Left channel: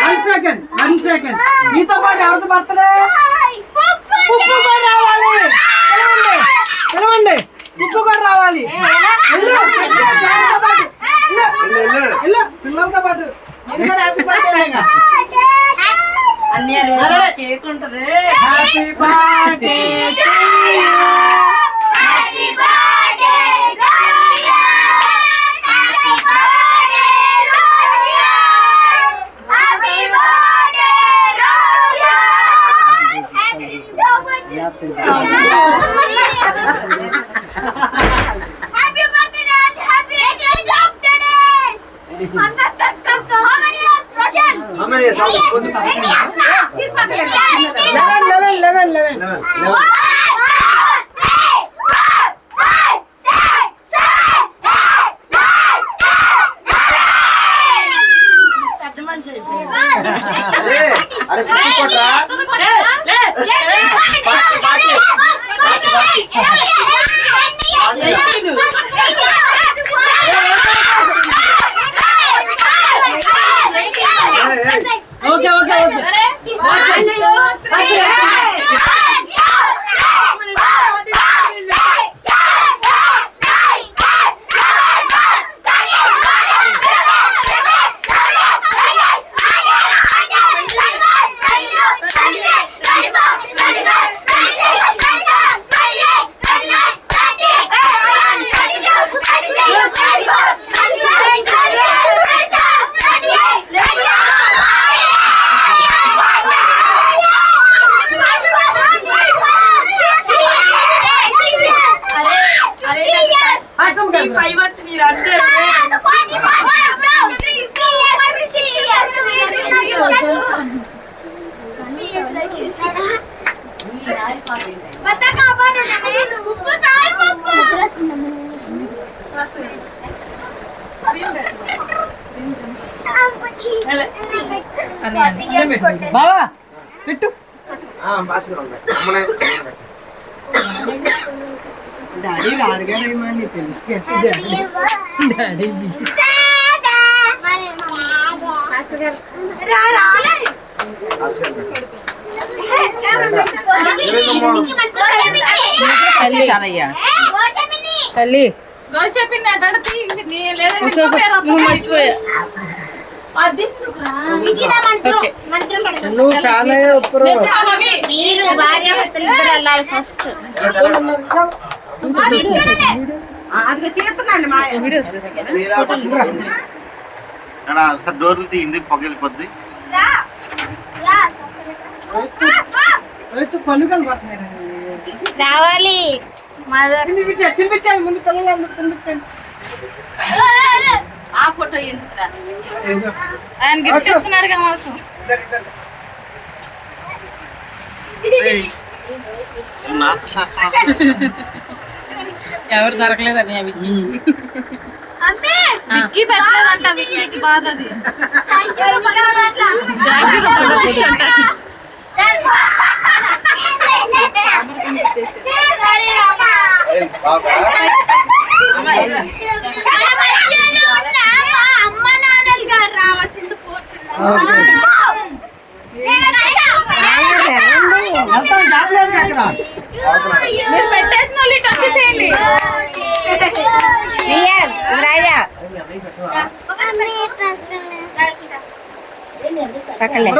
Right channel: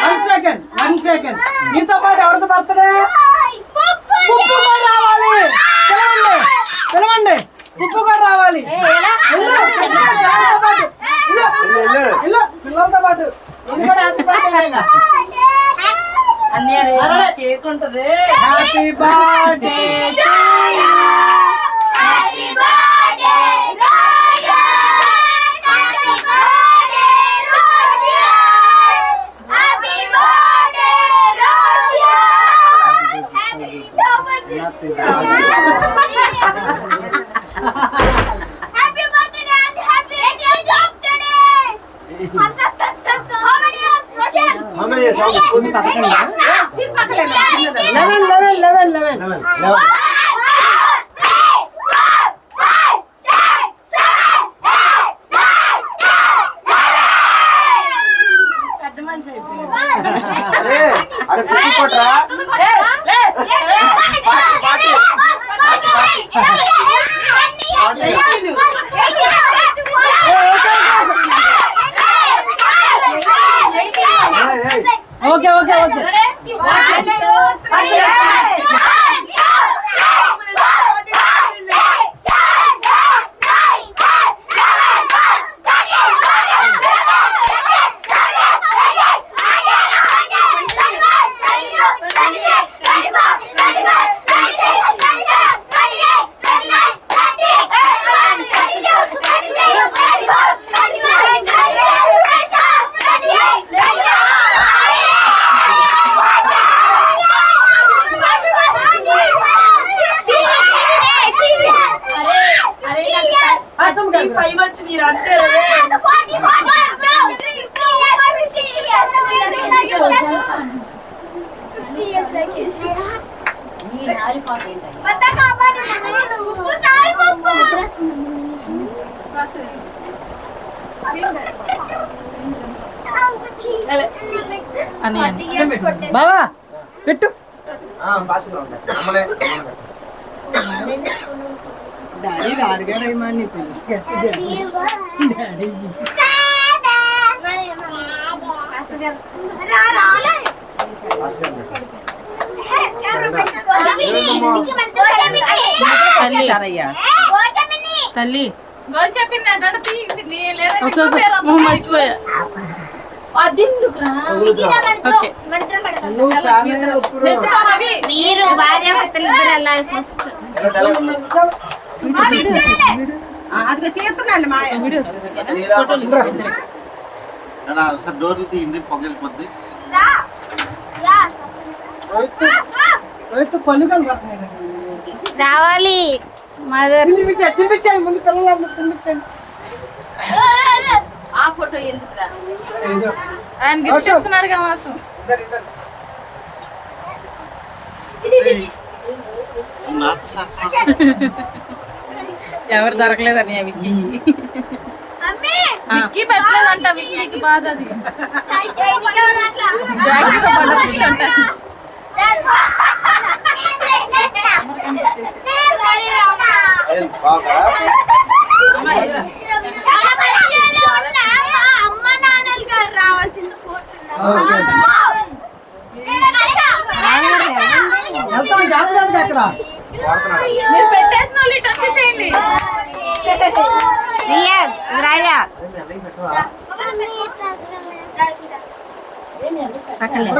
Birthday మీతో పాటు ఎవరితో బర్త్డే ఉప్పు కూడా రావాలి. పిలవండి ఉప్పు కూడా రావాలి. పిల్లలతో పాటు హ్యాపీ బర్త్డే. కేక్ ఉంటది. Happy birthday to you. అరే కొట్రా ఓకే ఓకే ఓకే బావా పెట్టు. డాడీ రారుగానేమని తెలుసు డాడీ తల్లి మర్చిపోయా. నువ్వు ఫ్యాన్ అయ్యే ఉప్పరు. మీరు భార్య భర్తలు ఇద్దరు వెళ్ళాలి ఫస్ట్. సార్ డోర్లు తీయండి, పొగలిపోద్ది. రావాలి మదర్. తినిపించండి ముందు పిల్లలందరూ తినిపించండి. ఆ ఫోటో ఎందుకురా? ఆయన గిఫ్ట్ ఇస్తున్నారు కావాల్సి. ఎవరు దొరకలేదని విక్కీ పెట్టలేదంట. విక్కీకి బాధ అది. అమ్మ నాన్నలు గారు రావాల్సింది. మీరు పెట్టేసిన వాళ్ళు ఇటు వచ్చేసేయండి. రాజా పక్కలే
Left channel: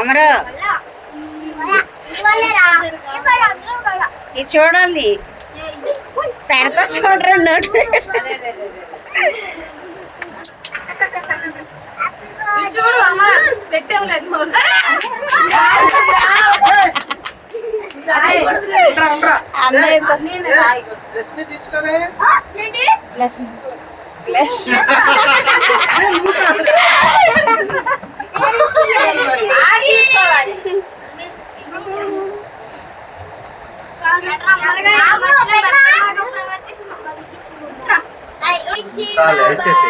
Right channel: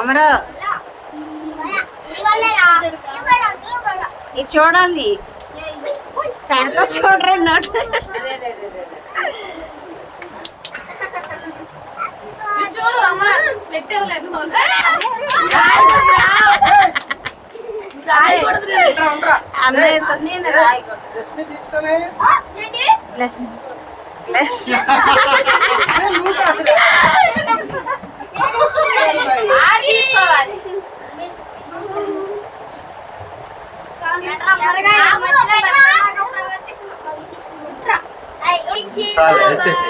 అమరు ఇది చూడాలి. పెడతా చూడరా నోట్. చూడు అమ్మ పెట్టేవలేదు. ప్లస్ చాలు ఇచ్చేసే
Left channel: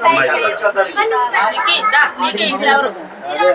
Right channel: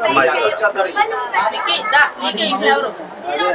అమ్మాయి కూడా. నీకు ఈ ఫ్లవర్ అదే